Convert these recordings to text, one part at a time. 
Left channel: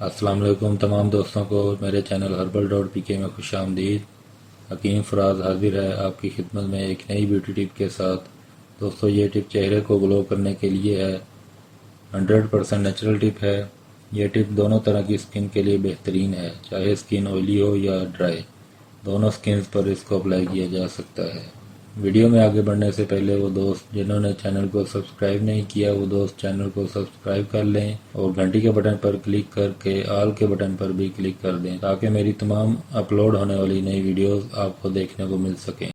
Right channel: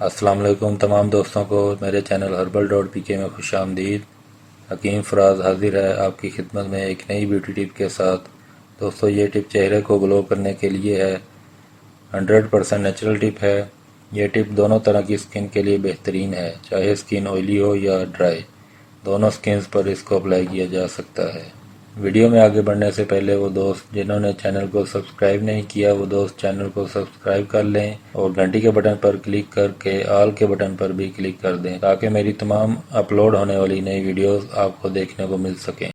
السلام علیکم تمام دوستوں کو میرے چینل herbal.pk میں خوش آمدید۔ حکیم فراز حاضر ہے آپ کی خدمت میں ایک نئی بیوٹی ٹپ کے ساتھ۔ دوستو یہ ٹپ چہرے کو گلو کرنے کے لیے ہے، 100% نیچرل ٹپ ہے۔ یہ ٹپ دونوں طرح کی سکن کے لیے بہترین ہے، چاہے سکن آئلی ہو یا ڈرائی، دونوں سکنز پر اس کو اپلائی کیا جا سکتا ہے۔ ویڈیو میں آگے بڑھنے سے پہلے وہ دوست جنہوں نے چینل کو سبسکرائب نہیں کیا وہ دوست چینل کو سبسکرائب کر لیں اور گھنٹی کے بٹن پر کلک کر کے آل کے بٹن پر بھی کلک کر دیں تاکہ میری تمام اپلوڈ ہونے والی نئی ویڈیوز آپ کو دیکھنے کو مل سکیں۔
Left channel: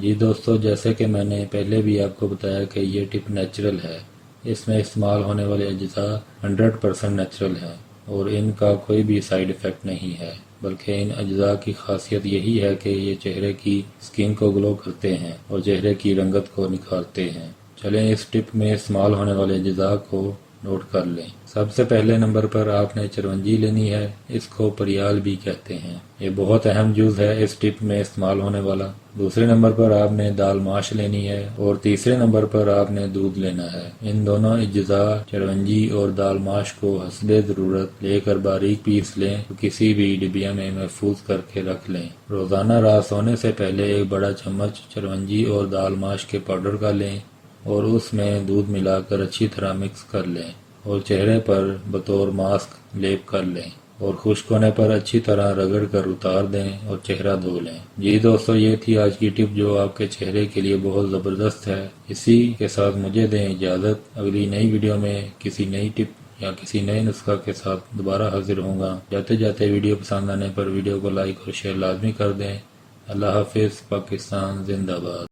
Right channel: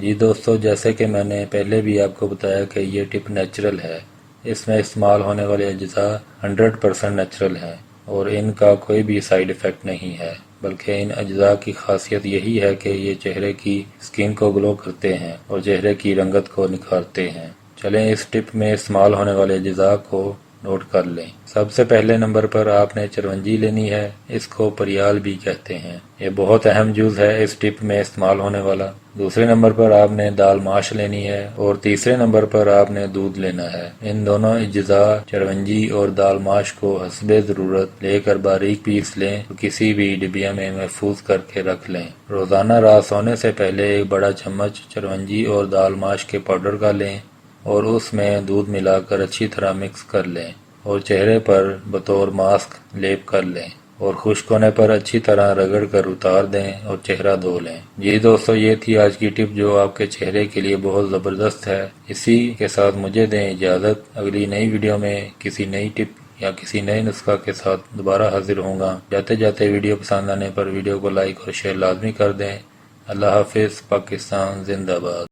جی دوستو، جیسے کہ میں نے پہلے بھی آپ کو بتایا کہ یہ ٹپ نیچرل ہے، اس میں استعمال ہونے والے اجزاء 100% نیچرل ہیں اور ان کا کوئی بھی سائیڈ ایفیکٹ نہیں ہے، بلکہ ان اجزاء کی خاصیت یہی ہے کہ یہ چہرے کی سکن کو گلو کرتے ہیں اور چہرے کی رنگت کو نکھارتے ہیں۔ چلیں اس ٹپ میں استعمال ہونے والے اجزاء کو نوٹ کر لیں۔ سب سے پہلے نمبر پر آپ نے چرونجی لینی ہے، اس کو پریال بھی کہتے ہیں، یہ بہت اہم جز ہے اس ٹپ میں استعمال ہونے والا۔ دوسرے نمبر پر آپ نے دال ماش لینی ہے اور تیسرے نمبر پر آپ نے دودھ لینا ہے۔ ان دونوں اجزاء چرونجی اور دال ماش کو حسب ضرورت لے کر باریک پیس لیں اور کسی بھی ڈبیا میں محفوظ کر کے رکھ لیں۔ روزانہ رات سونے سے پہلے ایک بڑا چمچ چرونجی اور دال ماش کے پاؤڈر کا لیں اور اس میں دودھ ملا کر اچھی طرح مکس کر لیں اور چہرے پر بطور ماسک لیپ کر لیں اور خشک ہونے پر اچھی طرح رگڑ کر اتار دیں اور چہرہ دھو لیں۔ جی دوستو، یہ تھی آج کی ٹپ جو آپ کے چہرے کے لیے بہت زبردست ہے۔ اسی کے ساتھ مجھے دیں اجازت، اگلی نئی ویڈیو میں کسی نئی ٹپ یا کسی نئے نسخہ کے ساتھ دوبارہ حاضر ہوں گا۔ جاتے جاتے ویڈیو پسند آنے پر ویڈیو کو لائک اور شیئر لازمی کر دیں۔ اللہ حافظ، پاکستان زندہ باد۔